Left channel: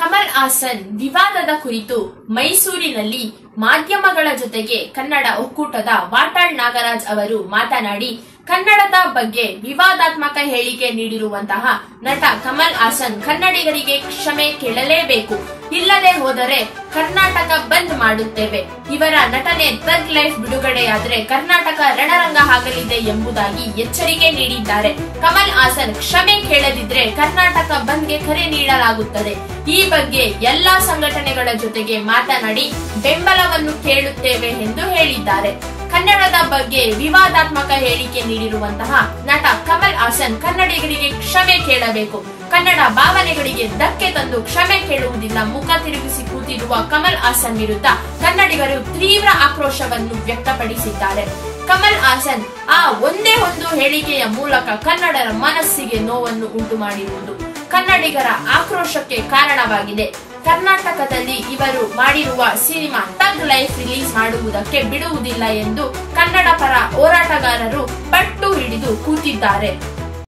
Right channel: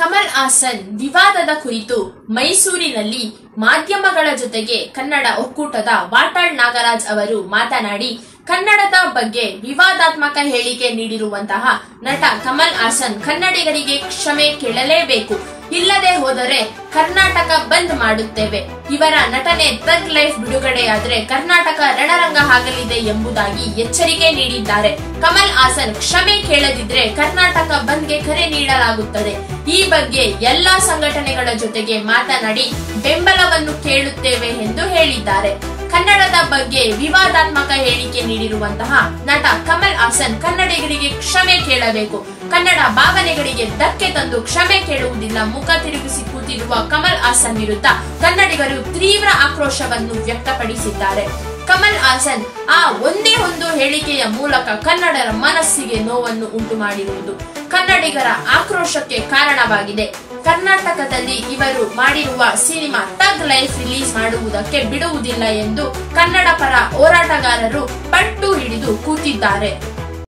ಕಮಲ್ ಹಾಸನ್ ವಿವಾದದ ಕುರಿತು ಮೈಸೂರಿನಲ್ಲಿ ಮಾಧ್ಯಮಗಳ ಜೊತೆಗೆ ಕನ್ನಡ ಒಕ್ಕೂಟದ ವಾಟಾಳ್ ನಾಗರಾಜ್ ಅವರು ಮಾತನಾಡಿ, ಕನ್ನಡದ ಬಗ್ಗೆ ವಿವಾದಾತ್ಮಕ ಹೇಳಿಕೆ ನೀಡಿರುವಂತಹ ನಟ ಕಮಲ್ ಹಾಸನ್ ಕನ್ನಡಿಗರಿಗೆ ಕ್ಷಮೆ ಕೇಳಲೇಬೇಕು. ಇಲ್ಲದೆ ಹೋದರೆ ಕರ್ನಾಟಕ ಬಂದ್ ಮಾಡುತ್ತೇವೆ. ಇವರ ನಟನೆ ಥಗ್ ಲೈಫ್ ಬಿಡುಗಡೆಯಾದರೆ ಕರ್ನಾಟಕ ರಣರಂಗ ಆಗಲಿದೆ ಎಂಬುದಾಗಿ ಎಚ್ಚರಿಕೆ ನೀಡಿದ್ದಾರೆ. ಕಮಲ್ ಹಾಸನ್ ಕ್ಷಮೆ ಕೇಳದಿದ್ರೆ ಕರ್ನಾಟಕ ಬಂದ್ಗೆ ಕರೆ ನೀಡಲಾಗುತ್ತದೆ. ಈ ಬಗ್ಗೆ ಎಲ್ಲಾ ಸಂಘಟನೆಗಳ ಜೊತೆಗೆ ಮಾತನಾಡಿ ಬೆಂಬಲವನ್ನು ಕೇಳುತ್ತೇವೆ ಎಂದು ಹೇಳಿದ್ದಾರೆ. ಕನ್ನಡದ ಬಗ್ಗೆ ವಿವಾದಾತ್ಮಕ ಹೇಳಿಕೆ ನೀಡಿರುವಂತಹ ನಟ ಕಮಲ್ ಹಾಸನ್ ಕನ್ನಡಿಗರಿಗೆ ಕ್ಷಮೆ ಕೇಳಬೇಕು. ಕನ್ನಡ ಭಾವನೆಗಳಿಗೆ ಧಕ್ಕೆ ತಂದು ಕ್ಷಮೆ ಕೇಳುವುದಿಲ್ಲ. ಮುಖ ತಿರುಗಿಸಿ ಕೂತಿರುವ ಕಮಲ್ ಹಾಸನ್ ವಿರುದ್ಧ ಕನ್ನಡಿಗರು ತೀವ್ರ ಆಕ್ರೋಶವನ್ನು ವ್ಯಕ್ತಪಡಿಸಿದ್ದಾರೆ. ಕಮಲ್ ಹಾಸನ್ ಆ ಒಂದೇ ಒಂದು ಹೇಳಿಕೆಯ ಮೂಲಕ ಕನ್ನಡರ ಮನಸ್ಸಿಗೆ ನೋವನ್ನು ಉಂಟು ಮಾಡಿರುವುದು ಕನ್ನಡಿಗರ ಆಕ್ರೋಶಕ್ಕೆ ಕಾರಣವಾಗಿದೆ. ಕರ್ನಾಟಕದಲ್ಲಿ ಇವರು ಮಾಡಿರುವ ಸಿನಿಮಾ ಥಗ್ ಲೈಫ್ ರಿಲೀಸ್ ಮಾಡುವುದಕ್ಕೆ ಬಿಡುವುದಿಲ್ಲ ಎಂದು ಕನ್ನಡ ಪರ ಹೋರಾಟಗಾರರು ಪಟ್ಟು ಹಿಡಿದು ಕೂತಿದ್ದಾರೆ.